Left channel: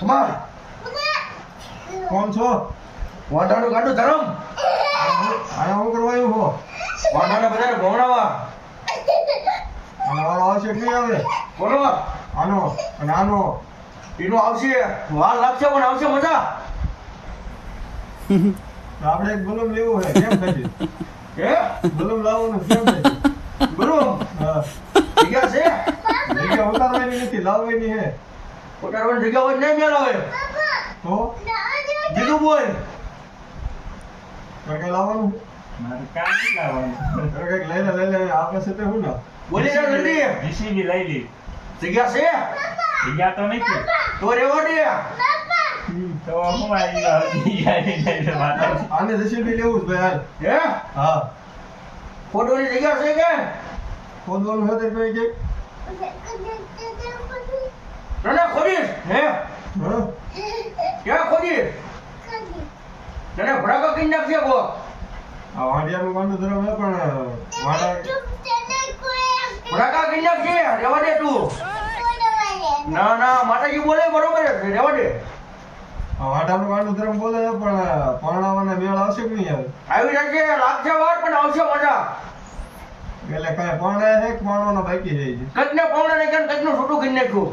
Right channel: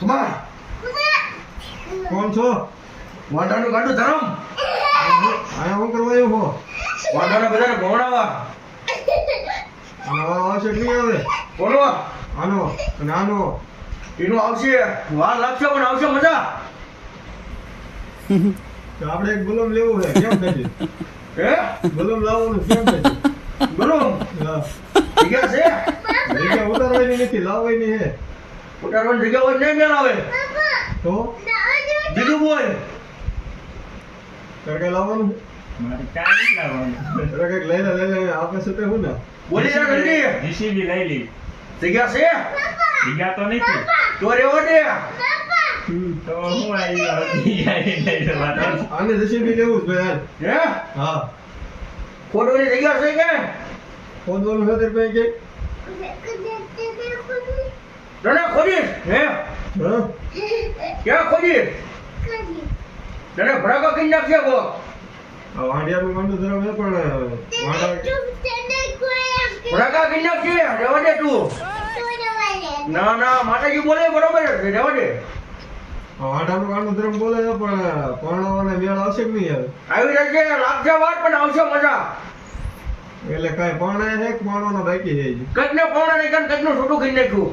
કમાલ કોણ છો? વાંઢાનું ગાડું ધરમ આયા હું કરવા આવ્યો હો? વાંઢાને બધાને ભણાવવા આનો વારો આવશે કે નહીં આવે? બોલો આનો અને આનો એનું આવશે વાર લાગશે પણ આવશે મજા તો આપણે એક બલૂન લેવું છે કેમ થશે? હે બલૂન લાવવાનું કેમ થશે? બોલો હા જગ્યા છે જગ્યા ઉતારવાની નથી લાવવાની છે ઉતારવાની જગ્યા હોય નહીં મેળાવે તો દીધું બોય તારે કઈ લાવવાનું? મારે કાંઈ લાવવાનું. તારે કઈક લઈને આપણે સાથે હું ના બોલી જા જલ્દી જીસીબી લઈ લી. જગ્યા છે જગ્યા તો નથી. તો રેવા દે તો હું આવી આને જસીબી લેવું છે ભાઈ હે હા ખોટોની જગ્યા છે કે ખોદવાનું છે તારી પાસે કઈ? તને ખોદીશ હે હા ક્યાં ખોદીશ તને ભડાકા કઈ નાખશે કો આ વાંડિયાનું ગાંડું ધરાવ છે પણ વાંડા ભડાકા કઈ નાખશે રેવા દે તું ના ના માતાજી બોલે બરોબર છે રેવા દે આ વાંડાનું ગાંડું ધરાવ બોલે છે પણ પરણાવાને મેળ આવશે કે નહીં આવે? આવી જશે લાગશે વાર પણ આવશે મજા એટલે કઈ પરણાય છે કે પરણવાનો બાકી છે હજી? કંઈક ને પૌણા ને કંઈક નું છોટું કરી નાખ્યું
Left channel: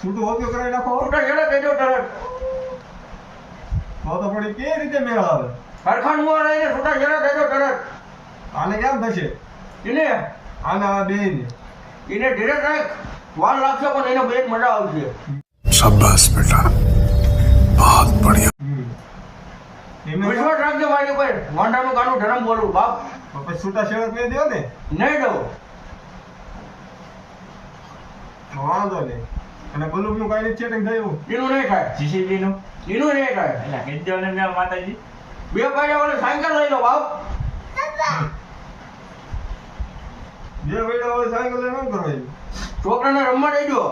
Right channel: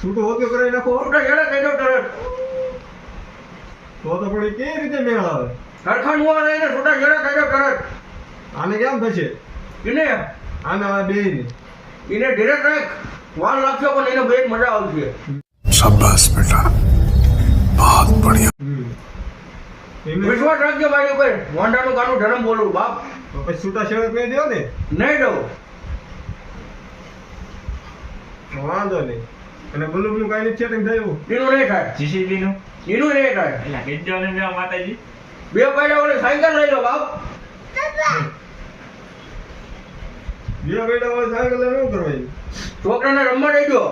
છૂટું હોતું કરાવી નાખો છોટા હેડા કહી દો તરત તો પણ કેવી રીતે મેળ આવે? હરખાન હુઆ રહીને છોટા હેડા કહી દો તરત આને કેમ થશે? એને આના આ બેયને એને ધીરે રાખ વાર લાગશે પણ એને બેન મજા આવશે शाबाश बेटा बहुत बढ़िया એમને વિશ્વાસ રાખજો મારી ઉપર વાંઢાનું કાનું ધરમ બોલું બાપ તો પછી છૂટા છેડા કરી દો ને નહીં દઉં તો વાંધો નહીં અને બલૂનનું કાંઈ નથી સેટિંગ થયું? એનું નહીં થાય જીસીબી નું એનું નહીં થાય એટલે કહેજો ને મેં માતાજી. બે પાડ્યા ઓલી સાયકલ લઈ લો બાપ બે બેડા હોય સાયકલ લઈને શું કરવાનું? છોકરાને રમવા દેજો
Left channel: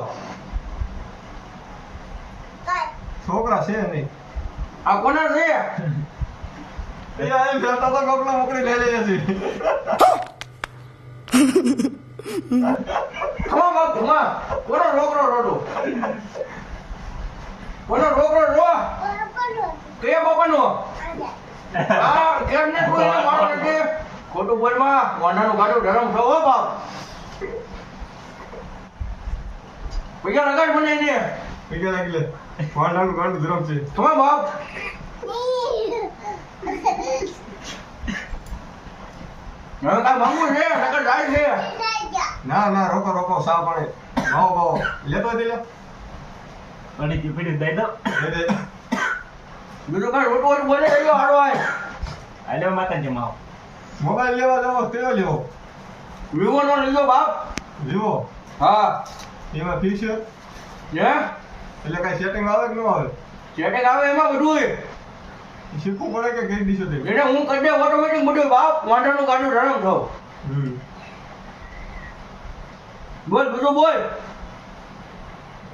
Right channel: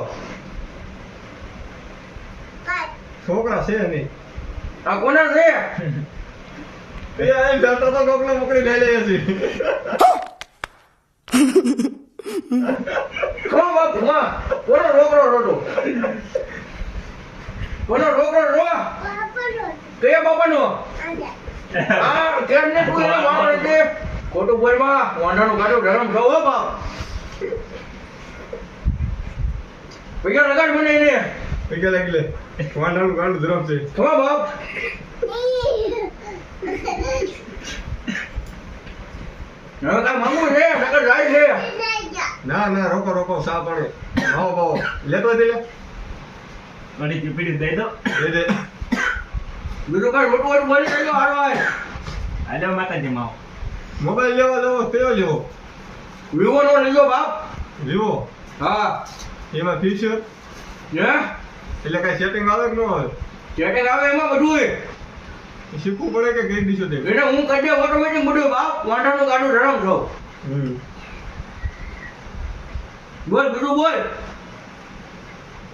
છોકરા છે નહીં આ કોના છે એ આ એમ જતા તો કોકના મોકલી લઈ લઈએ છીએ ખમા બાપ ખમા કોનો છોકરો રોતો કોનો છોકરો રો કયા બાપાનો આ કેમ ને તું એને મારો દે ખોટું બોલમાં વાંઢાનું ગાડું ધરમ છો હો બાપ પૈસા લગાડ મને એને પૈસા લાગી લે વાંઢાનું ગાંડું ધરમ છે ખમા બાપ હવે કાંઈ માંગવું છે નકર જાય છે ના ના રોકો રોકો સા પાણી ભાવો ભાવો લેતો દે લે અડી ચીપડી દઈ દો. દે દે બીજું કાંઈ રોટું હોય તો બોલી દેજો હારો આય હાલો માતાજી માં આવો. મોબાઈલ લેવા જવો તેવો લેવો વિવો નો લેજો બાપ લેવો હા એમાં ફીચર હે એટલે કઈ સેટિંગ આવે કે ન આવે? ચેટિંગ આવે એમાં બધું એ શીખવું પડે કે કઈ દીશો તે? એને હું કરી દે ઓટોમેટિક બધું બાપ વાંઢાનું ગાડું ધરમ છો બોલ બીજું બોલ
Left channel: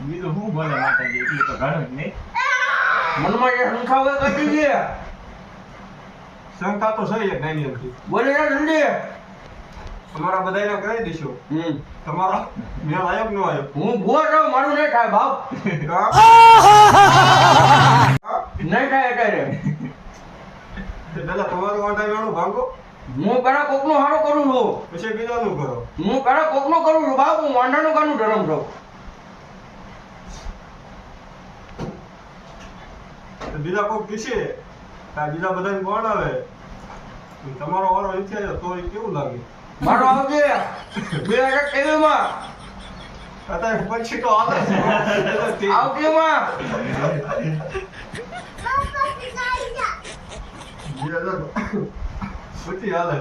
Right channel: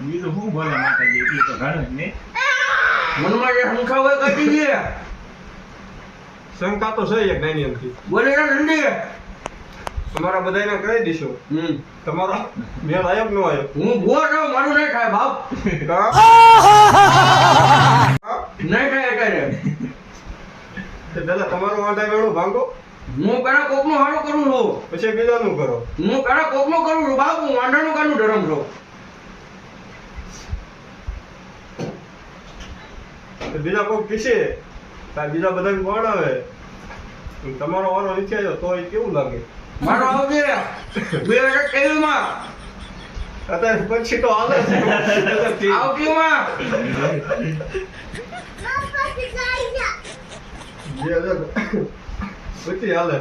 બીજું શું બોલે માતાજી એટલું તો ઘણું જ નહીં. મનમાં જે શંકા હોય કાઢી દે શંકા તો છે એક નાની એમથી બોલે ના જલ્દી તમારા બધાને કહી દીશો તમારો મેલ આયો કે ન આયો? હું ભૂવો છું મારું નહીં થાય બાપ નહીં થાય અત્યારે તો દાદા તમારો વાંધા વેળો ભાંગો હું પેલા કોકનું હારું કરું છું પછી બીજાનું કરો. હું પેલા કોકનું કરું છું બાપ હું વાંઢાનું કાનું ધરમ છું તો બીજા કોક કીશે તાર બીજા બધાને કોણ આવે તમારો વારો નીચે આવ્યો તો એ કેવું લાગે? મારો આવજે 2023 માં અત્યારે પછી તો આવે છે આવતી માં 2000 પછી હાલે